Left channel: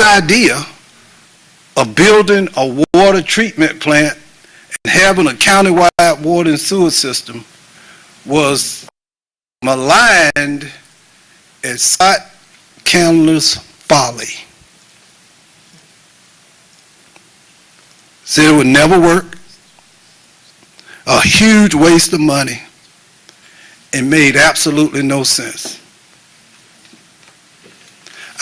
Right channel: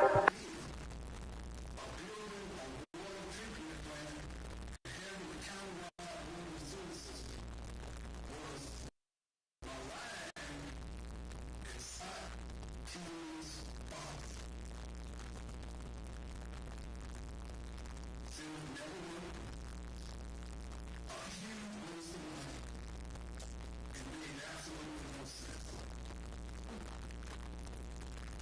his idea of building a water treatment plant and having a countywide water and sewer system was maligned as Scott Candler's folly. Said it would never work, a huge waste of money, and made absolutely no sense.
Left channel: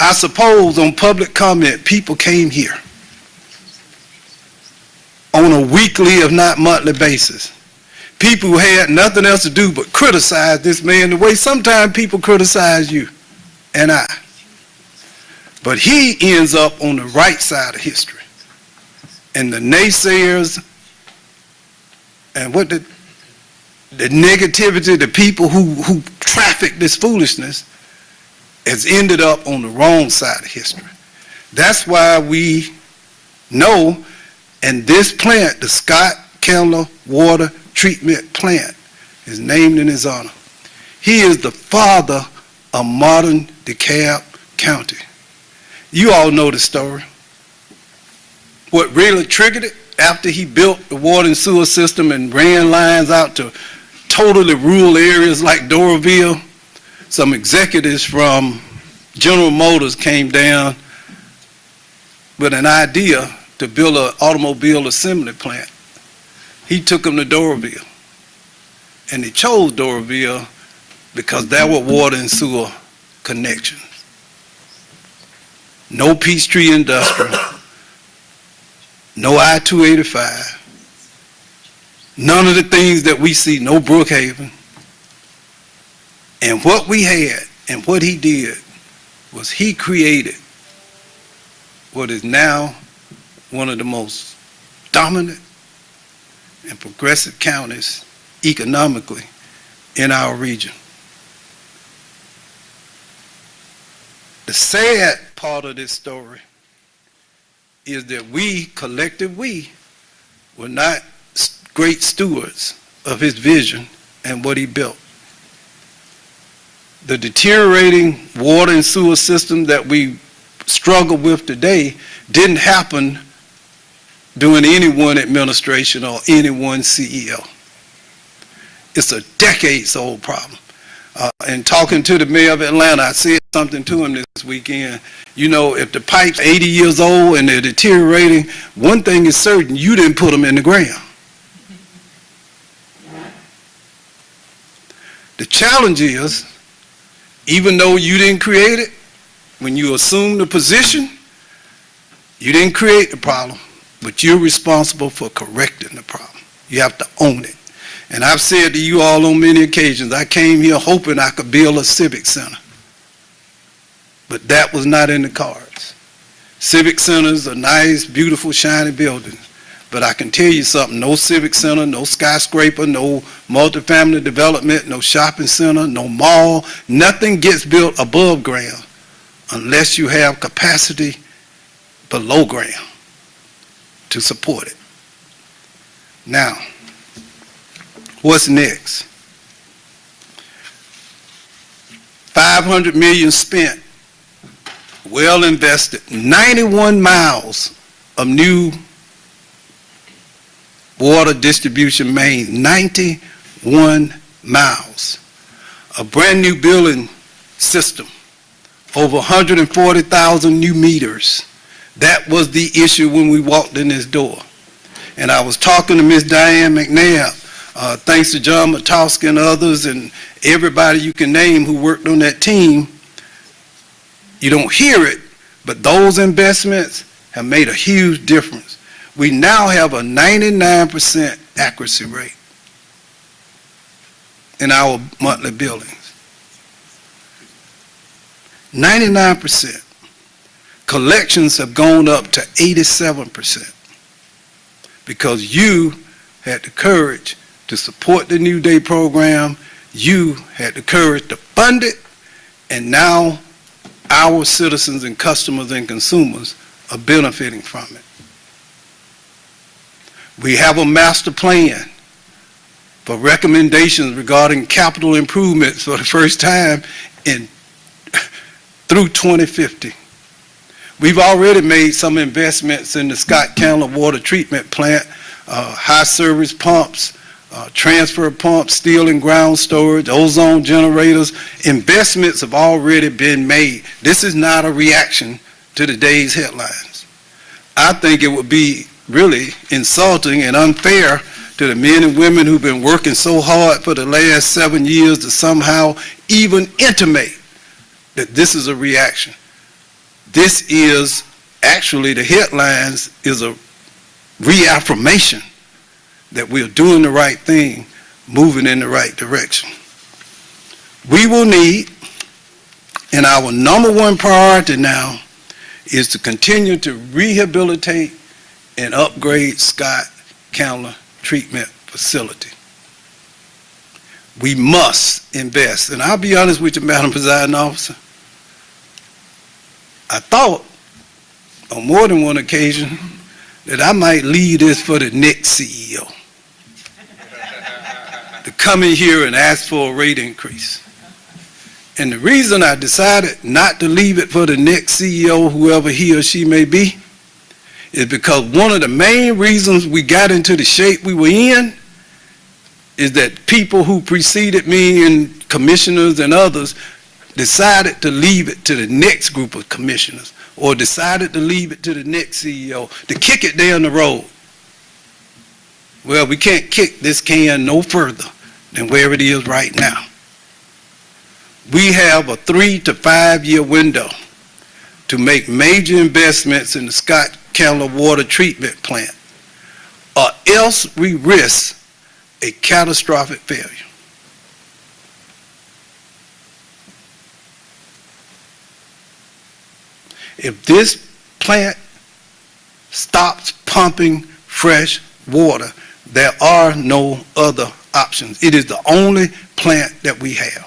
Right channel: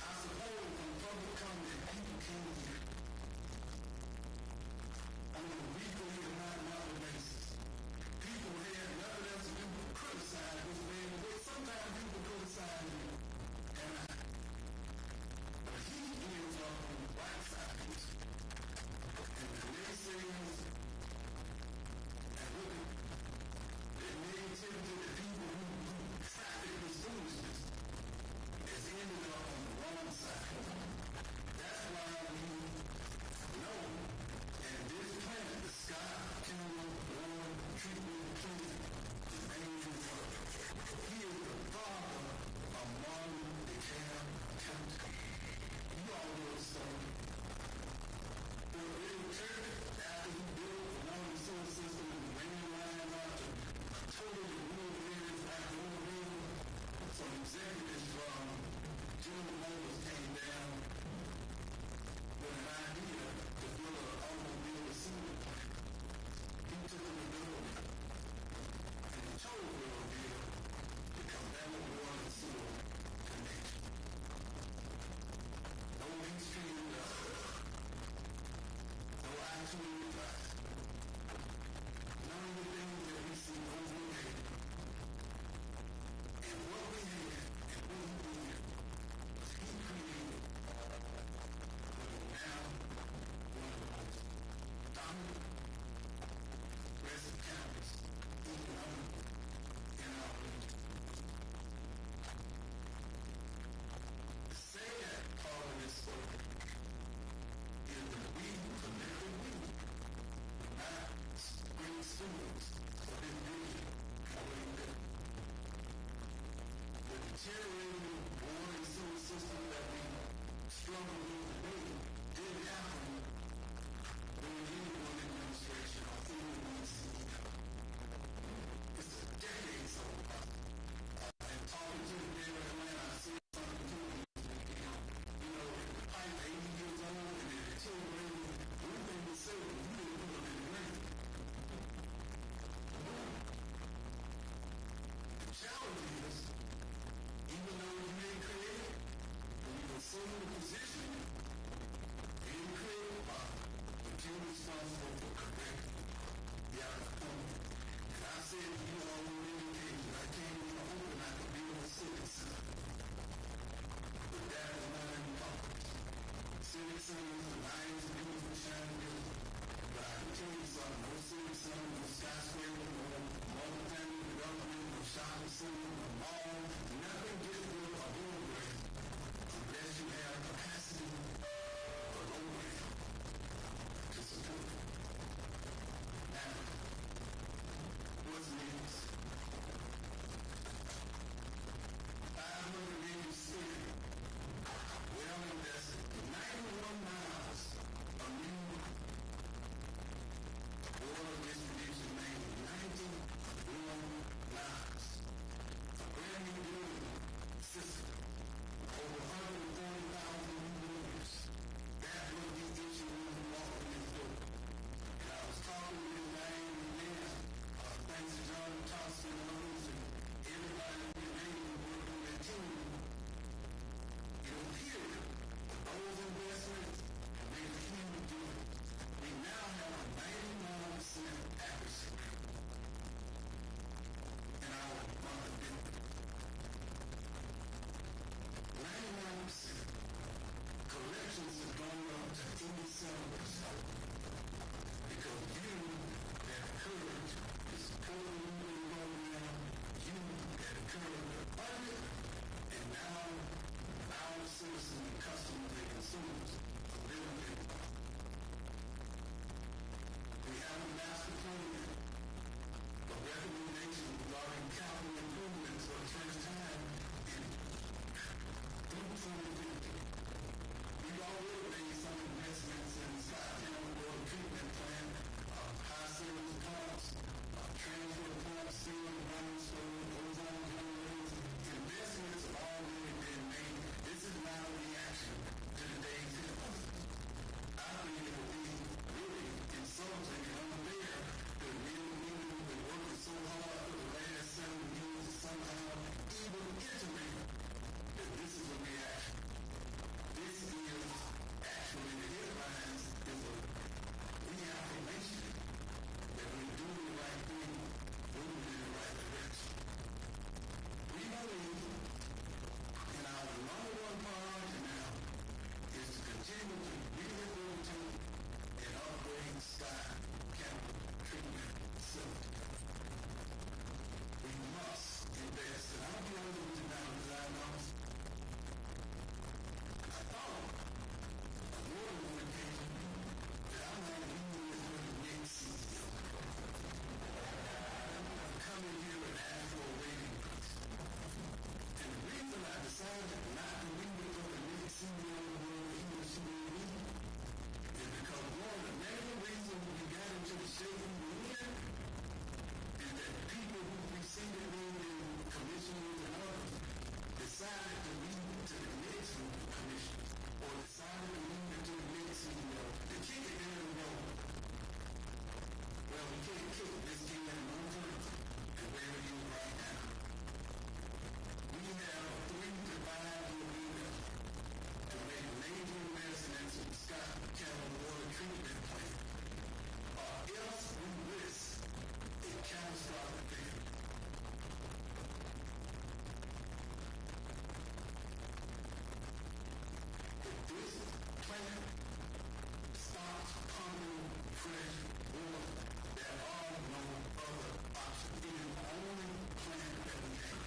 I suppose on public comment, people came here on a weekly, if not monthly basis. People who had nothing else to do but criticize this man the way sometimes people criticize you and I. But he ends up on the right side of history. And the naysayers and what the negativity, the people who traffic this foolishness has ended up on the wrong side of history. That's why we know, and this plant, the Scott Candler Water Treatment Plant, is named in his honor. He is the father of modern DeKalb County. You all know the story. What really triggered it, after he built the water and sewer system and ran lines out to totally rural areas like Doraville, some executives from General Motors came down with an idea to build an automobile assembly plant. He took them to Doraville, and he chose Doraville because there were water and sewer connections. No Peachtree Industrial, no I-285, none of the things that we see, no Brookhaven. And what we had and what he did was he created what is now one of the most dominant and progressive counties economically in our region. The sad part of this story is that we, collective we, were not great stewards of his vision and what he built. The deteriorating water and sewer system that we struggle with today didn't happen during any one administration or any one CEO. It's a decades-old problem. And talking to the mayor of Atlanta, I said something to him this weekend. You know, if the pipe's 80 years old and they're deteriorating, one thing is certain, you didn't put them in the ground. The challenge is, even though you didn't create it, when you assume the position, you didn't create the problem, but you're responsible for correcting the problem. You have to own it. And I've said to you all on many occasions, I came here hoping I could build a civic center. But that was not in the cards. Civic centers are nice, beautiful, shiny buildings. But I can tell you something, no civic center, no skyscraper, no multifamily development, no shopping center, no mall, nothing gets built above ground unless you have capacity below ground to support it. Now, what's next? $500 million spent, well invested, 91 miles of new water distribution mains, 91 miles. A brand new building system, over 140,000 new meters. That was the issue when we walked in this door. And I was talking to Ms. Diane McNabb, thanks to John Matowski and others and everybody you can name who worked on that team. You don't hear it, but those investments have made a huge difference. We now have a 99% accuracy rate in our monthly billings. 99%. Collections have gone up to 87% because you had the courage to support the New Day program, you had the courage to fund it, and now our citizens and customers and consumers are benefiting from it. We have a master plan for recommendations regarding capital improvements for the first time through 2050. We've already made some investments in the Scott County water treatment plant, high service pumps, transfer pumps, steel and ground storage, ozone generators. Investments have already been made. This is not a reaction to today's headlines. I think it would be really insulting and unfair to the men and women who've been working so hard for the last 7 years to somehow even intimate that this is a reaction. This is actually, the headlines is a reaffirmation that we're doing the right thing, moving in the right direction. We will need, and our number one priority now is to continue to rehabilitate and upgrade Scott County Treatment Facility. We must invest, and I'll be honest with you, Madam Presiding Officer, I thought on more than one occasion that I might leave this for the next CEO to come in here and ask for a rate increase. And the reason I decided not to leave it for the next CEO, whoever he or she may be, is because one of the main reasons we got into the shape we were in is that people who preceded me and commissioners and others decided to leave it to the next group of commissioners, or decided to leave it to the next CEO, to kick it down the road. Well, we can't kick this can no further than where it is right now. We have a 3 to 5 year window to make major investments in the Scott County water treatment plant, or else we risk a catastrophic failure. If this plant stops pumping fresh water, there are no other options. It is the only plant that we have.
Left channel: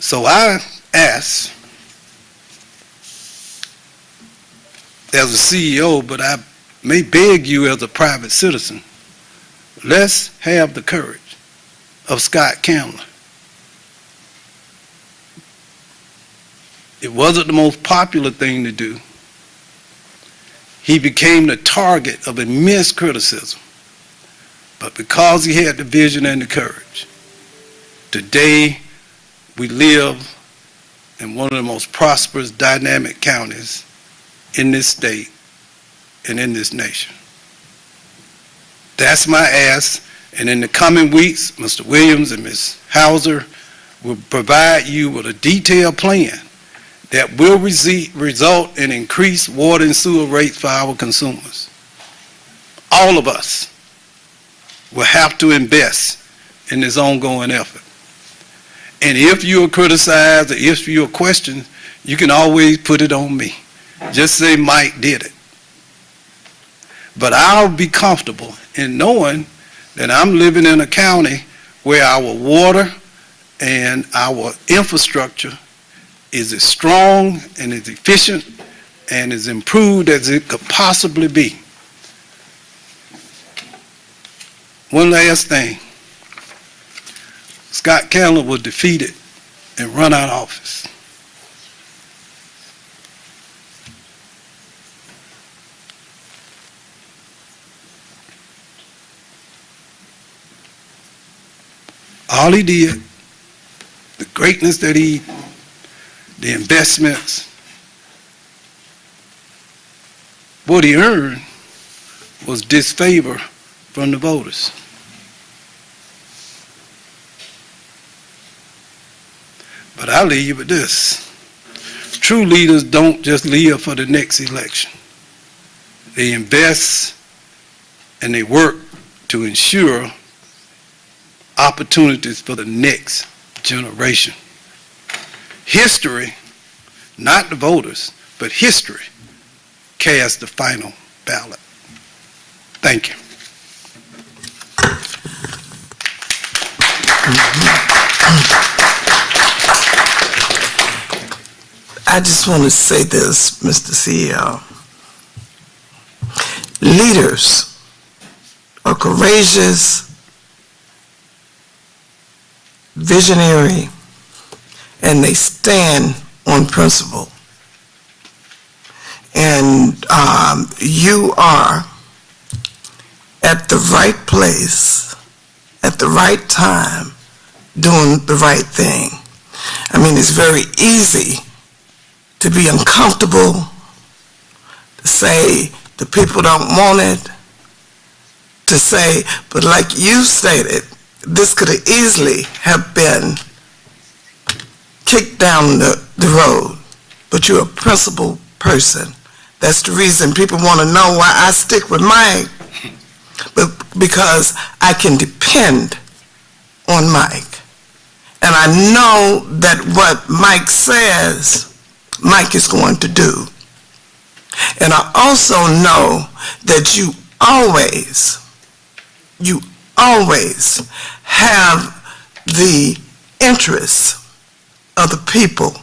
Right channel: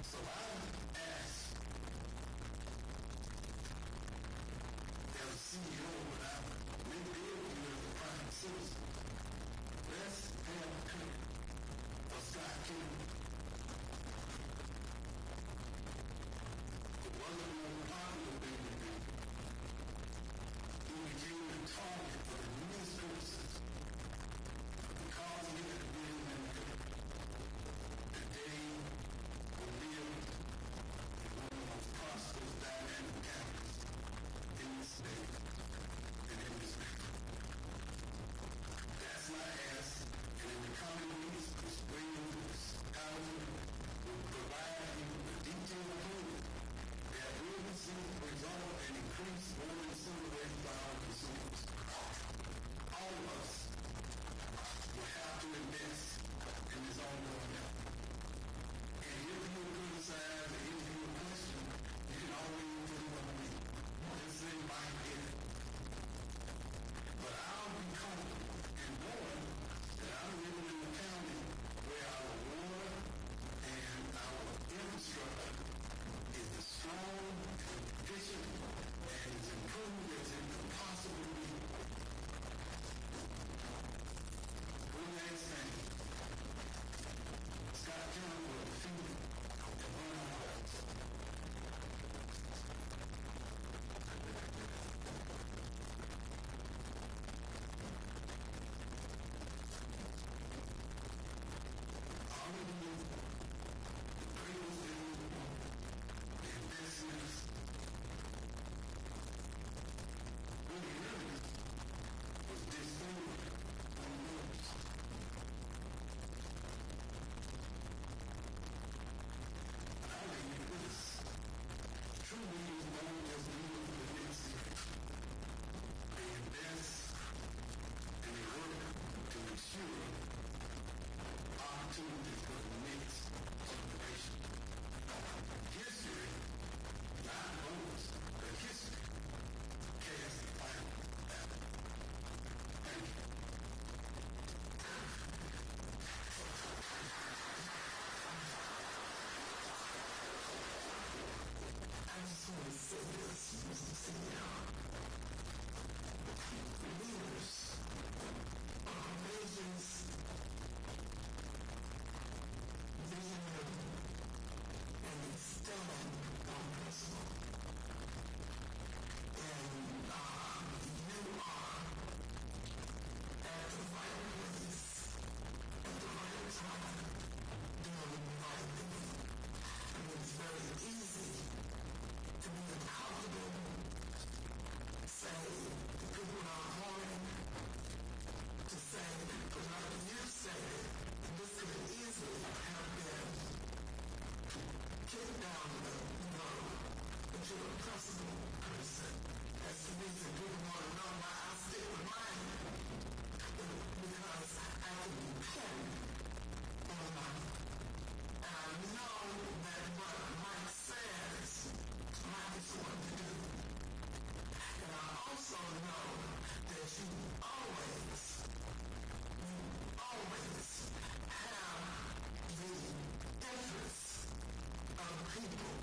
So I ask, as a CEO, but I may beg you as a private citizen, let's have the courage of Scott County. It wasn't the most popular thing to do. He became the target of immense criticism. But because he had the vision and the courage, today we live in one of the most prosperous, dynamic counties in this state and in this nation. That's my ask, and in the coming weeks, Mr. Williams and Ms. Hauser will provide you with a detailed plan that will result in increased water and sewer rates for our consumers. All of us will have to invest in this ongoing effort. And if you are criticized or if you are questioned, you can always put it on me. Just say Mike did it. But I'll be comfortable in knowing that I'm living in a county where our water and our infrastructure is as strong and as efficient and as improved as it could possibly be. One last thing. Scott County was defeated and run out of office. All he did, the greatness that the investments, what he earned was disfavor from the voters. But I'll leave you with this. True leaders don't just live for the next election. They invest and they work to ensure opportunities for the next generation. History, not the voters, but history casts the final ballot. Thank you. I just want to say this, Mr. CEO. Leaders are courageous, visionary, and they stand on principle. And you are at the right place, at the right time, doing the right thing. I mean, it's very easy to be uncomfortable, to say the people don't want it, to say, but like you stated, this could have easily have been kicked down the road, but you're a principled person. That's the reason people want to know why I stick with Mike, but because I can depend on Mike. And I know that what Mike says, Mike is going to do. And I also know that you always have the interests of the people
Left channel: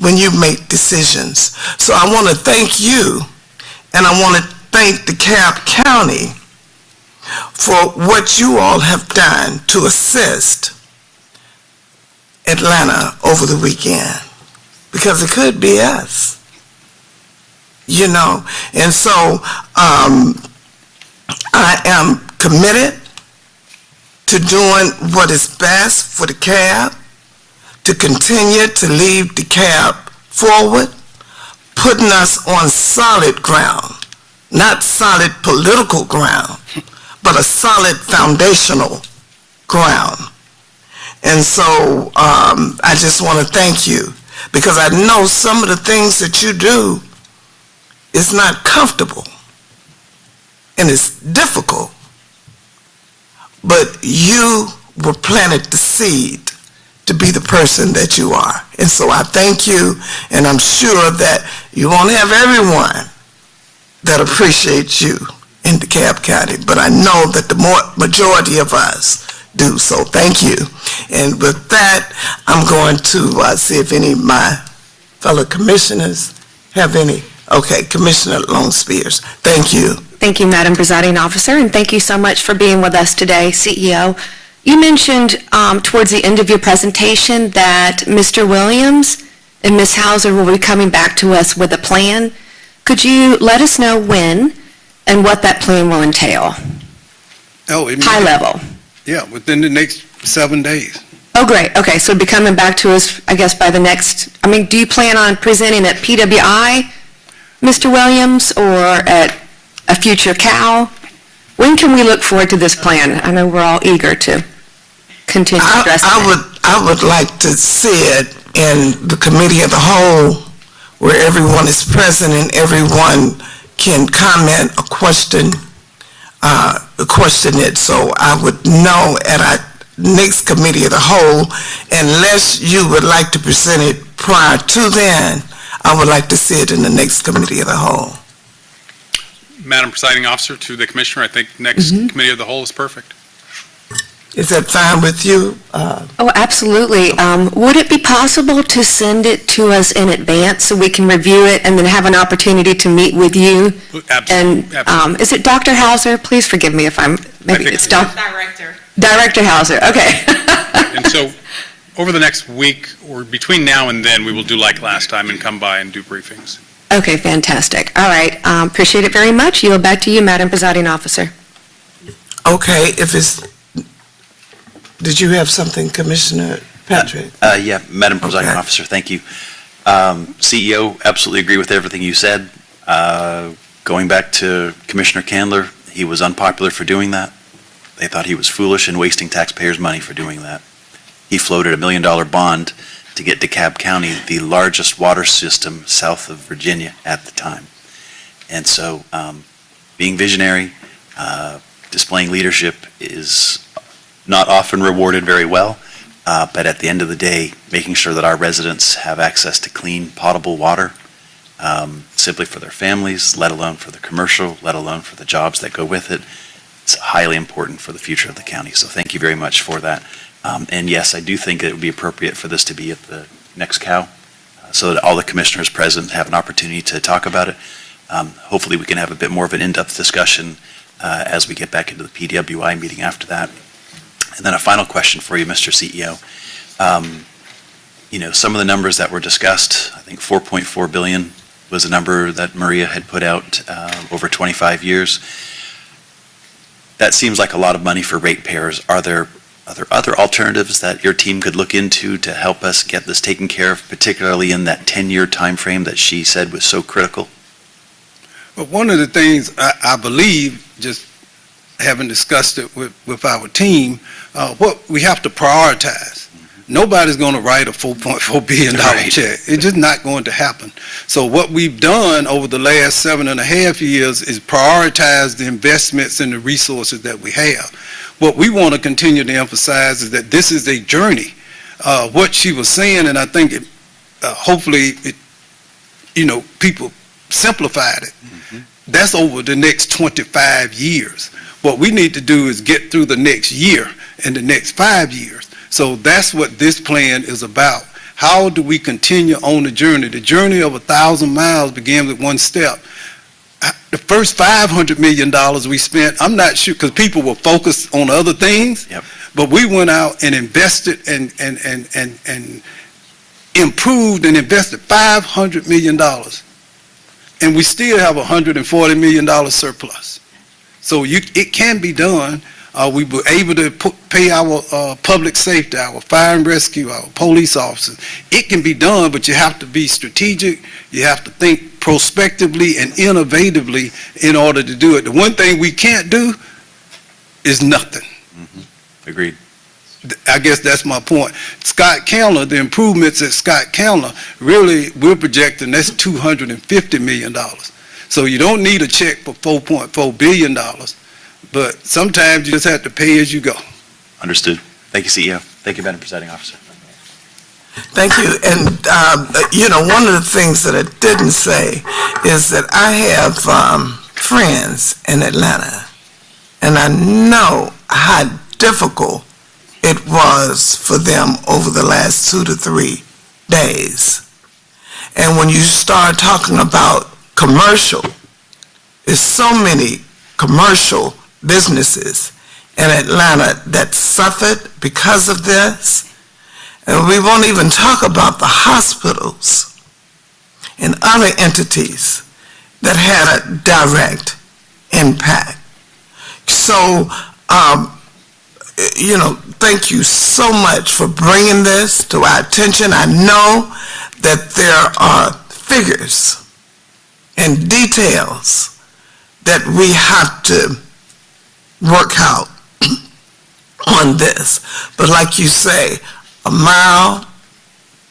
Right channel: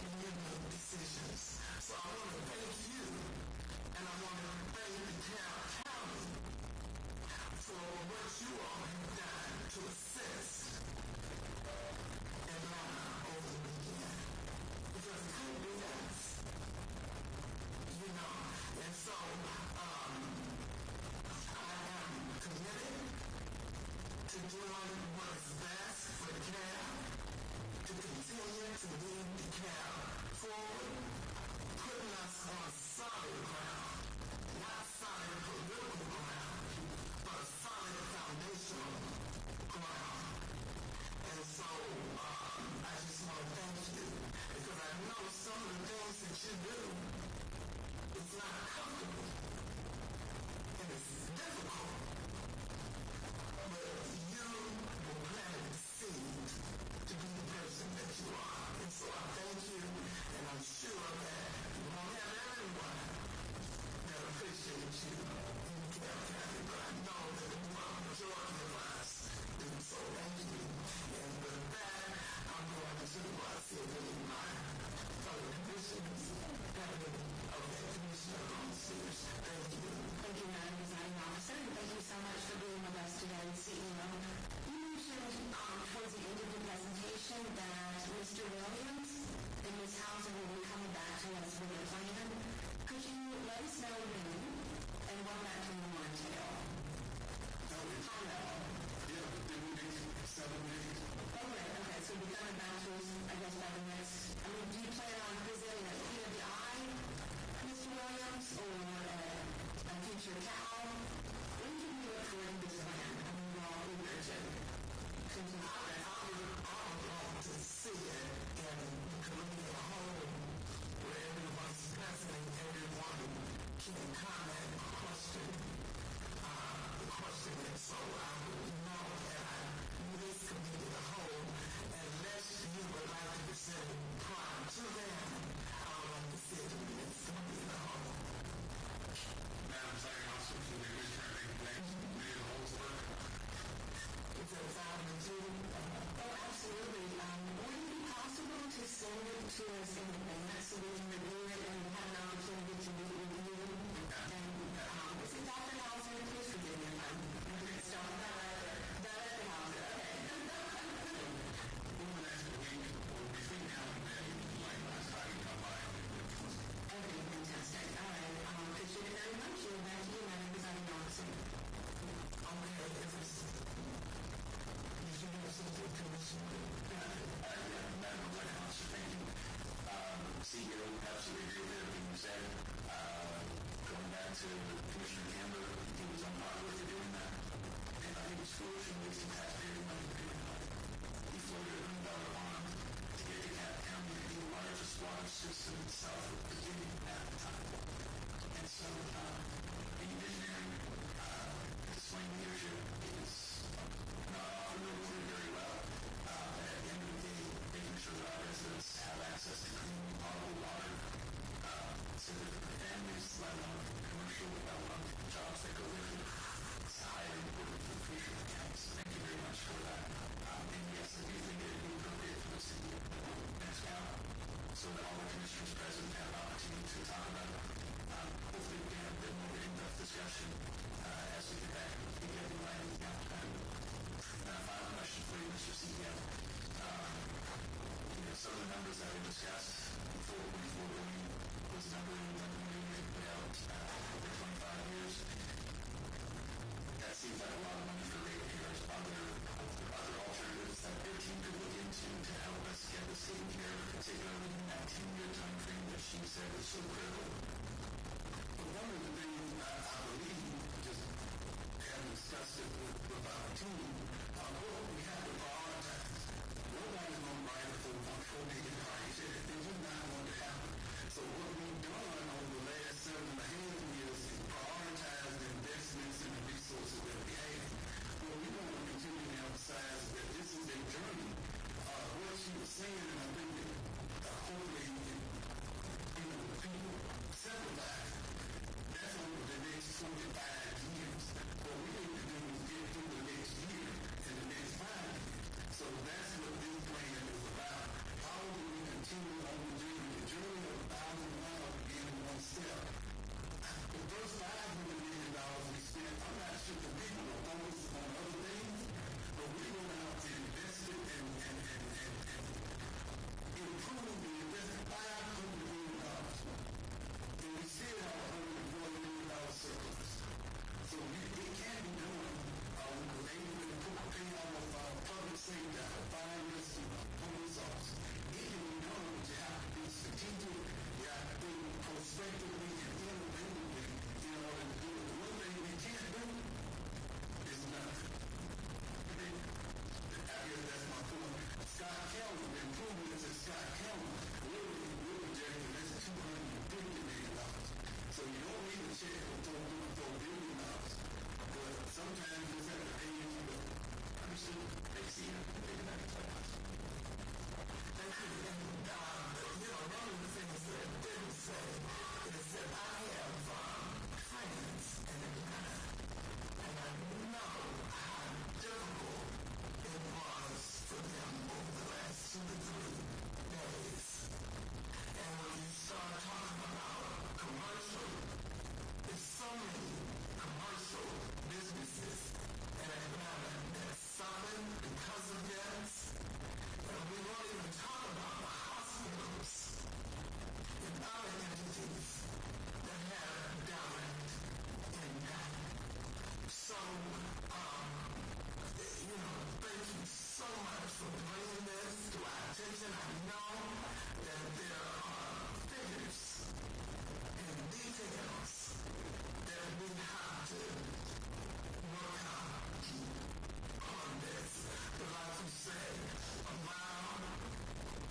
when you make decisions. So I want to thank you, and I want to thank DeKalb County for what you all have done to assist Atlanta over the weekend, because it could be us, you know. And so I am committed to doing what is best for DeKalb, to continue to lead DeKalb forward, putting us on solid ground, not solid political ground, but a solid foundational ground. And so I just want to thank you, because I know some of the things that you do is not comfortable and it's difficult, but you were planted the seed to be the person that you are. And so I thank you, and I'm sure that you won't have everyone that appreciates you in DeKalb County, but I know that the majority of us do. So thank you. And with that, I'm going to see if any of my fellow commissioners have any. Okay, Commissioner Lone Spears, thank you. Thank you, Madam Presiding Officer, and thank you so much for being with us today, CEO. You mentioned towards the end of your presentation that Mr. Williams and Ms. Hauser will be coming back to us with a plan. Could you let us know when and what that plan will entail? High level. Yeah, within the next 7 days. Oh, great. Okay, so it'll be coming back to us, I guess, by the next, do you plan on presenting at PWI, Mr. Williams, or at a future COW? When can we look forward to this plan? I know we're all eager to continue addressing it. I would like to see it in the committee of the whole, where everyone is present and everyone can comment or question it. So I would know at our next committee of the whole, unless you would like to present it prior to then, I would like to see it in the next committee of the whole. Madam Presiding Officer, to the Commissioner, I think next Committee of the Whole is perfect. Is that fine with you? Oh, absolutely. Would it be possible to send it to us in advance so we can review it and then have an opportunity to meet with you? Absolutely. And is it Dr. Hauser? Please forgive me if it's Director Hauser. Okay. And so, over the next week, or between now and then, we will do like last time and come by and do briefings. Okay, fantastic. All right. Appreciate it very much. Yield back to you, Madam Presiding Officer. Okay, did you have something, Commissioner Patrick? Yeah, Madam Presiding Officer, thank you. CEO, absolutely agree with everything you said. Going back to Commissioner Candler, he was unpopular for doing that. They thought he was foolish and wasting taxpayers' money for doing that. He floated $1 million bond to get DeKalb County the largest water system south of Virginia at the time. And so being visionary, displaying leadership is not often rewarded very well, but at the end of the day, making sure that our residents have access to clean, potable water, simply for their families, let alone for the commercial, let alone for the jobs that go with it, it's highly important for the future of the county. So thank you very much for that. And yes, I do think it would be appropriate for this to be at the next COW, so that all the commissioners present have an opportunity to talk about it. Hopefully we can have a bit more of an in-depth discussion as we get back into the PWI meeting after that. And then a final question for you, Mr. CEO. Some of the numbers that were discussed, I think $4.4 billion was a number that Maria had put out over 25 years. That seems like a lot of money for ratepayers. Are there other alternatives that your team could look into to help us get this taken care of, particularly in that 10-year time frame that she said was so critical? But one of the things I believe, just having discussed it with our team, what we have to prioritize. Nobody's going to write a $4.4 billion Right. check. It's just not going to happen. So what we've done over the last 7.5 years is prioritize the investments and the resources that we have. What we want to continue to emphasize is that this is a journey. What she was saying, and I think hopefully people simplified it. That's over the next 25 years. What we need to do is get through the next year and the next 5 years. So that's what this plan is about. How do we continue on the journey? The journey of 1,000 miles begins with one step. The first $500 million we spent, I'm not sure, because people were focused on other things, Yep. but we went out and invested and improved and invested $500 million. And we still have $140 million surplus. So it can be done. We were able to pay our public safety, our fire and rescue, our police officers. It can be done, but you have to be strategic. You have to think prospectively and innovatively in order to do it. The one thing we can't do is nothing. Agreed. I guess that's my point. Scott County, the improvements at Scott County, really, we're projecting that's $250 million. So you don't need a check for $4.4 billion, but sometimes you just have to pay as you go. Understood. Thank you, CEO. Thank you, Madam Presiding Officer. Thank you. And, one of the things that I didn't say is that I have friends in Atlanta, and I know how difficult it was for them over the last 2 to 3 days. And when you start talking about commercial, there's so many commercial businesses in Atlanta that suffered because of this. And we won't even talk about the hospitals and other entities that had a direct impact. So, thank you so much for bringing this to our attention. I know that there are figures and details that we have to work out on this. But like you say, a mile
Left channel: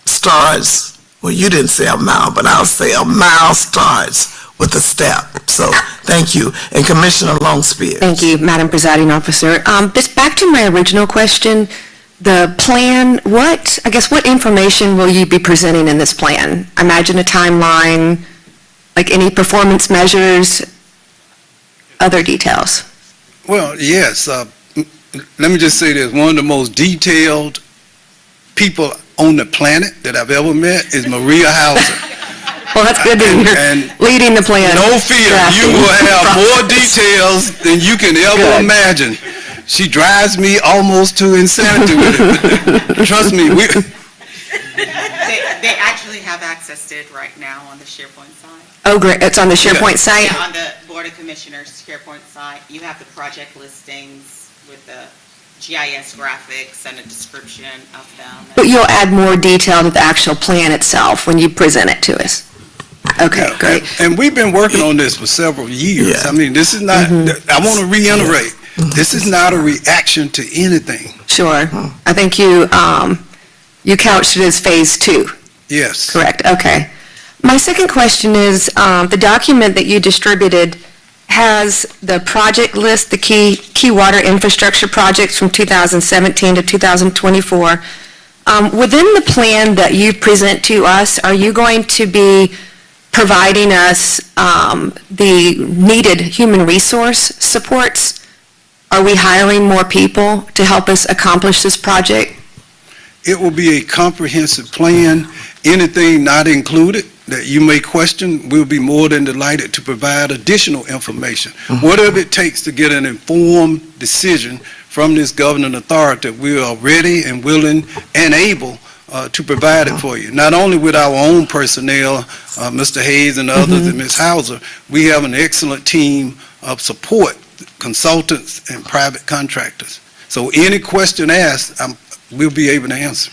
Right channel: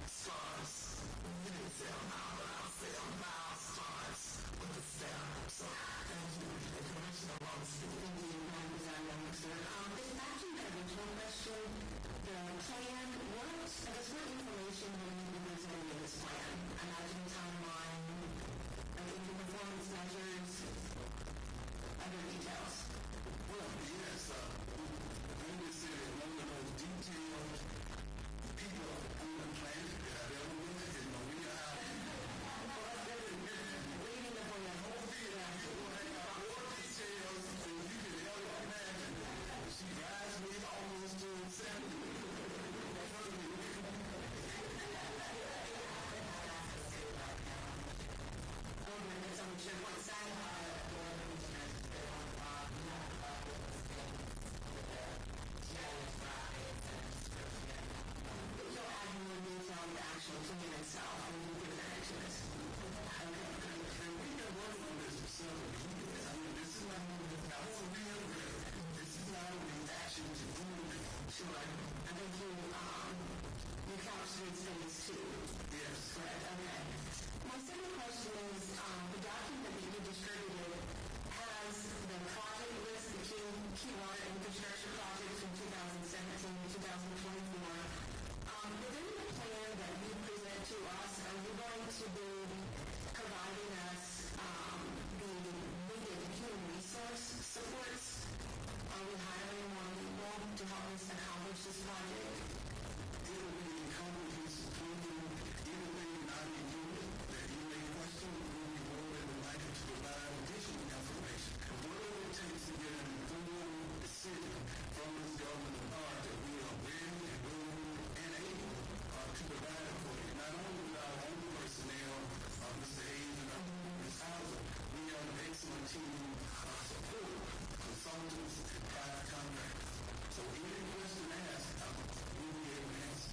starts, well, you didn't say a mile, but I'll say a mile starts with a step. So thank you. And Commissioner Longspear. Thank you, Madam Presiding Officer. Just back to my original question, the plan, what information will you be presenting in this plan? I imagine a timeline, like any performance measures, other details. Well, yes. Let me just say this. One of the most detailed people on the planet that I've ever met is Maria Hauser. Well, that's good that you're And leading the plan. No fear, drafting you will have more process. details than you can ever Good. imagine. She drives me almost to insanity with it. But trust me, They actually have access to it right now on the SharePoint site. Oh, great, it's on the SharePoint site? Yeah, on the Board of Commissioners SharePoint site, you have the project listings with the GIS graphics and a description of them. But you'll add more detail to the actual plan itself when you present it to us? Okay, great. And we've been working on this for several years. Yeah. I mean, this is not, I want to reiterate, this is not a reaction to anything. Sure. I think you couched it as phase 2, Yes. correct? Okay. My second question is, the document that you distributed has the project list, the key water infrastructure projects from 2017 to 2024. Within the plan that you present to us, are you going to be providing us the needed human resource supports? Are we hiring more people to help us accomplish this project? It will be a comprehensive plan. Anything not included that you may question, we'll be more than delighted to provide additional information. Whatever it takes to get an informed decision from this governing authority, we are ready and willing and able to provide it for you. Not only with our own personnel, Mr. Hayes and others, and Ms. Hauser, we have an excellent team of support, consultants and private contractors. So any question asked, we'll be able to answer.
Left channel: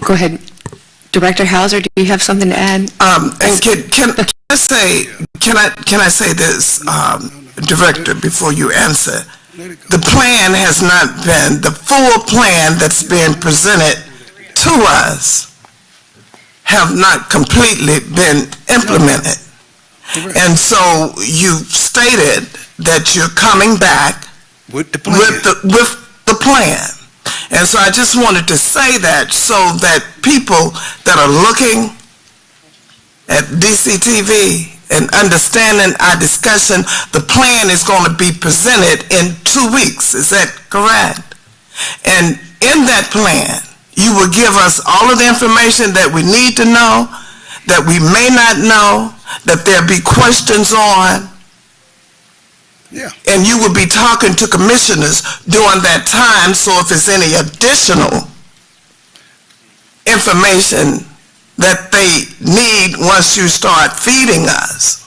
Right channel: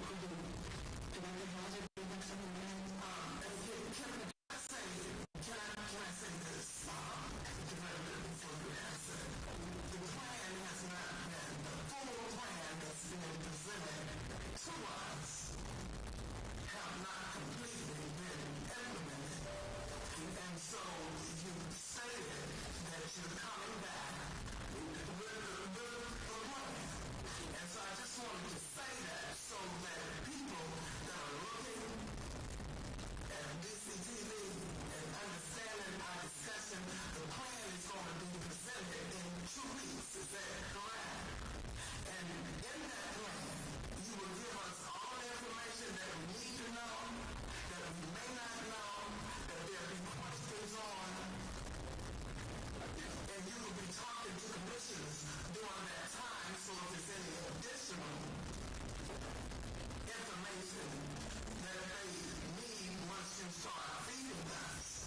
Go ahead. Director Hauser, do you have something to add? And can I say this, Director, before you answer? Let it go. The plan has not been, the full plan that's been presented to us have not completely been implemented. Correct. And so you stated that you're coming back With the plan. with the plan. And so I just wanted to say that so that people that are looking at DCTV and understanding our discussion, the plan is going to be presented in 2 weeks. Is that correct? And in that plan, you will give us all of the information that we need to know, that we may not know, that there'll be questions on. Yeah. And you will be talking to commissioners during that time, so if there's any additional information that they need once you start feeding us,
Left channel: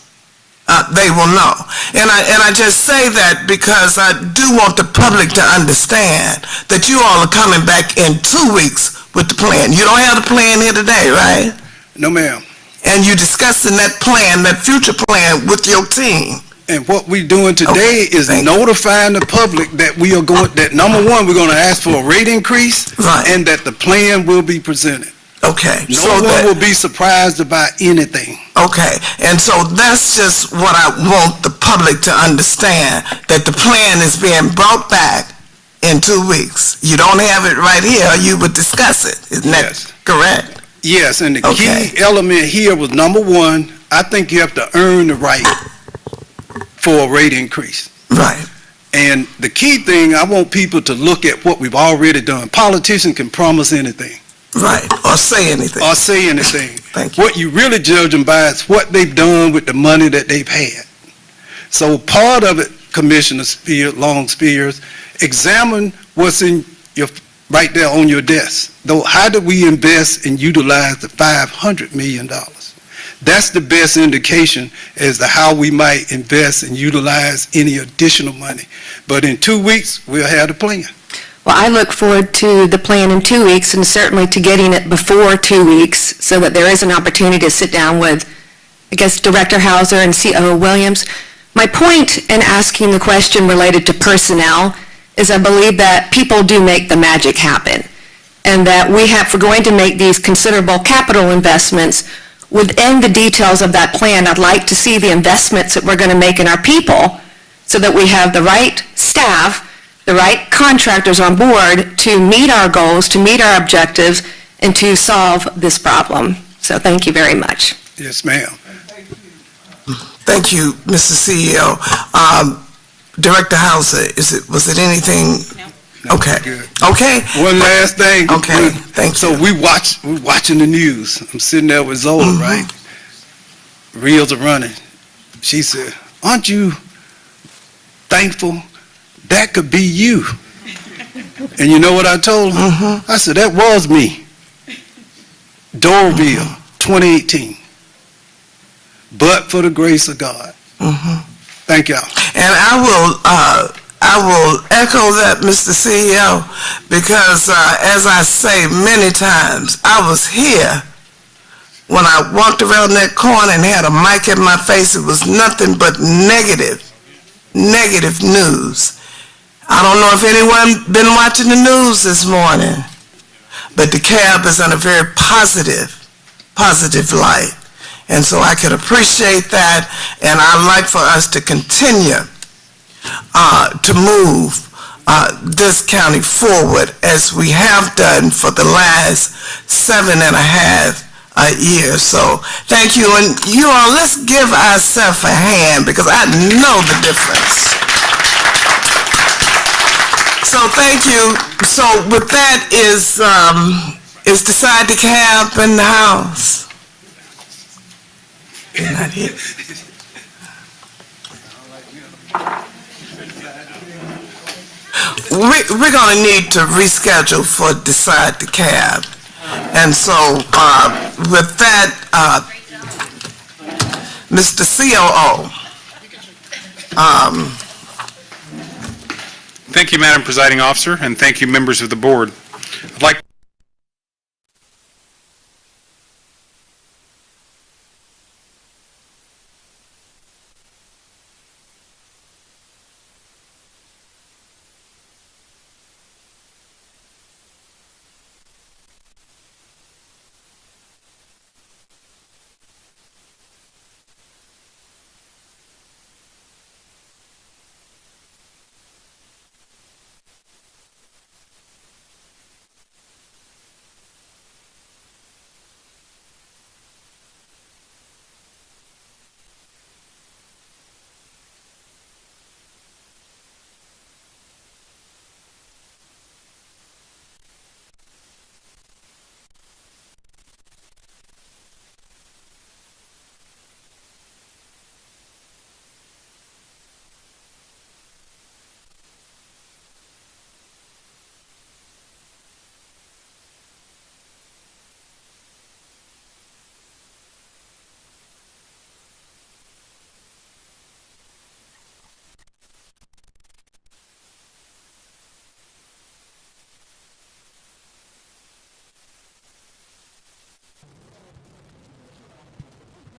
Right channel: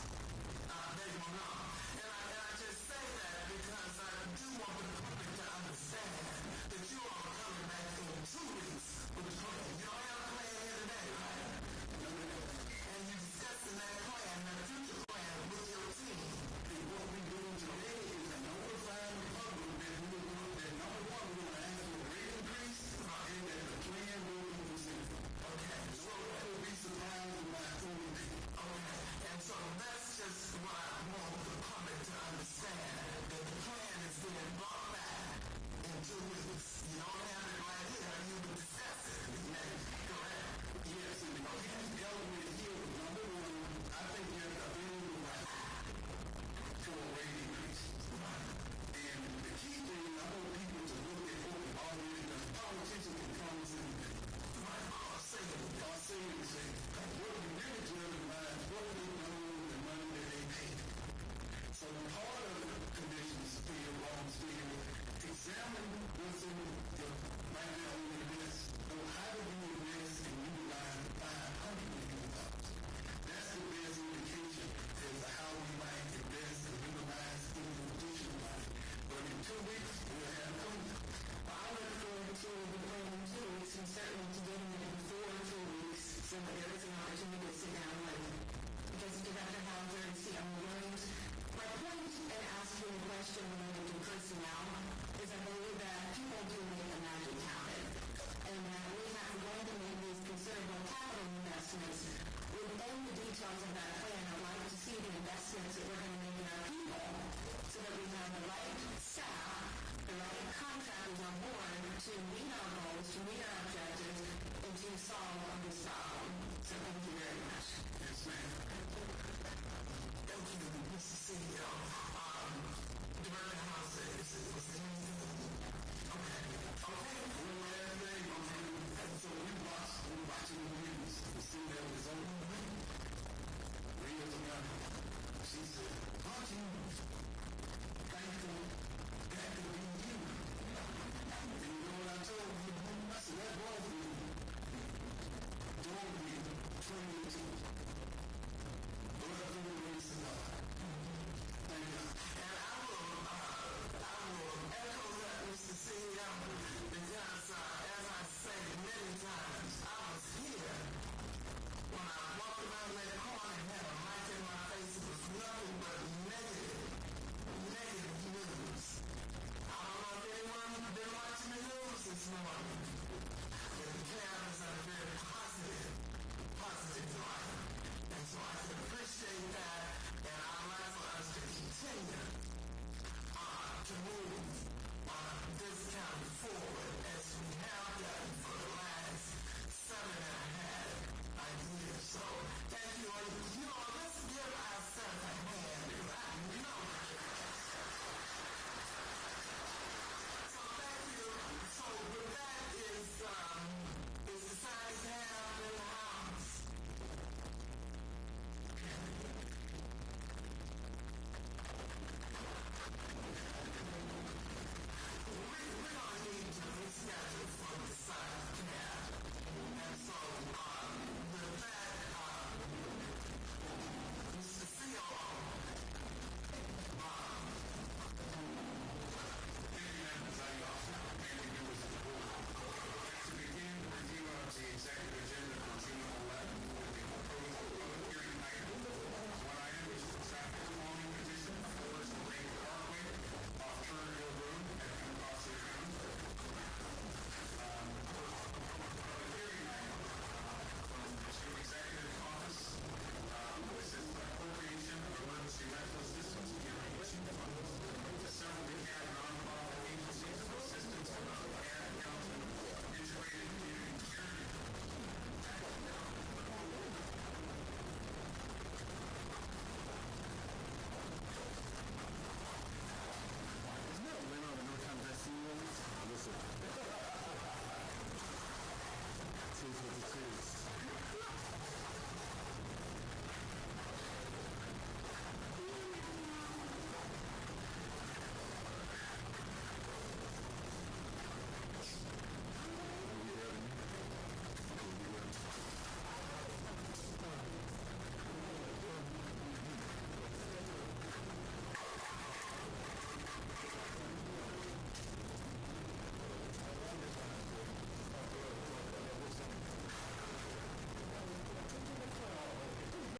they will know. And I just say that because I do want the public to understand that you all are coming back in 2 weeks with the plan. You don't have the plan here today, right? No, ma'am. And you're discussing that plan, that future plan with your team. And what we're doing today Okay, is thank you. notifying the public that we are going, that number one, we're going to ask for a rate increase, Right. and that the plan will be presented. Okay. No so one that- will be surprised about anything. Okay, and so that's just what I want the public to understand, that the plan is being brought back in 2 weeks. You don't have it right here, you would discuss it, isn't that Yes. correct? Yes, and the Okay. key element here was, number one, I think you have to earn the right for a rate increase. Right, And the key thing, I want people to look at what we've already done. Politicians can promise anything right, or say anything. or say anything. Thank you. What you really judge them by is what they've done with the money that they've had. So part of it, Commissioner Long Spears, examine what's in your, right there on your desk. Though, how do we invest and utilize the $500 million? That's the best indication as to how we might invest and utilize any additional money. But in 2 weeks, we'll have the plan. Well, I look forward to the plan in 2 weeks, and certainly to getting it before 2 weeks, so that there is an opportunity to sit down with, I guess, Director Hauser and COO Williams. My point in asking the question related to personnel is I believe that people do make the magic happen, and that if we're going to make these considerable capital investments, within the details of that plan, I'd like to see the investments that we're going to make in our people, so that we have the right staff, the right contractors on board to meet our goals, to meet our objectives, and to solve this problem. So thank you very much. Yes, ma'am. Thank you, Mr. CEO. Director Hauser, was it anything? No, Okay, good. okay, One last thing. Okay, thank So you. we're watching the news. I'm sitting there with Zola, right? Reels are running. She said, "Aren't you thankful? That could be you." And you know what I told her? I said, "That was me. Doraville, 2018. But for the grace of God." Thank y'all. And I will echo that, Mr. CEO, because as I say many times, I was here when I walked around that corner and had a mic in my face. It was nothing but negative news. I don't know if anyone been watching the news this morning, but DeKalb is in a very positive light. And so I could appreciate that, and I'd like for us to continue to move this county forward as we have done for the last 7.5 years. So thank you, and you all, let's give ourselves a hand, because I know the difference. So thank you. So with that, is Decide DeKalb in the house? They're not here. We're going to need to reschedule for Decide DeKalb. And so with that, Mr. COO. Thank you, Madam Presiding Officer, and thank you, members of the board. I'd like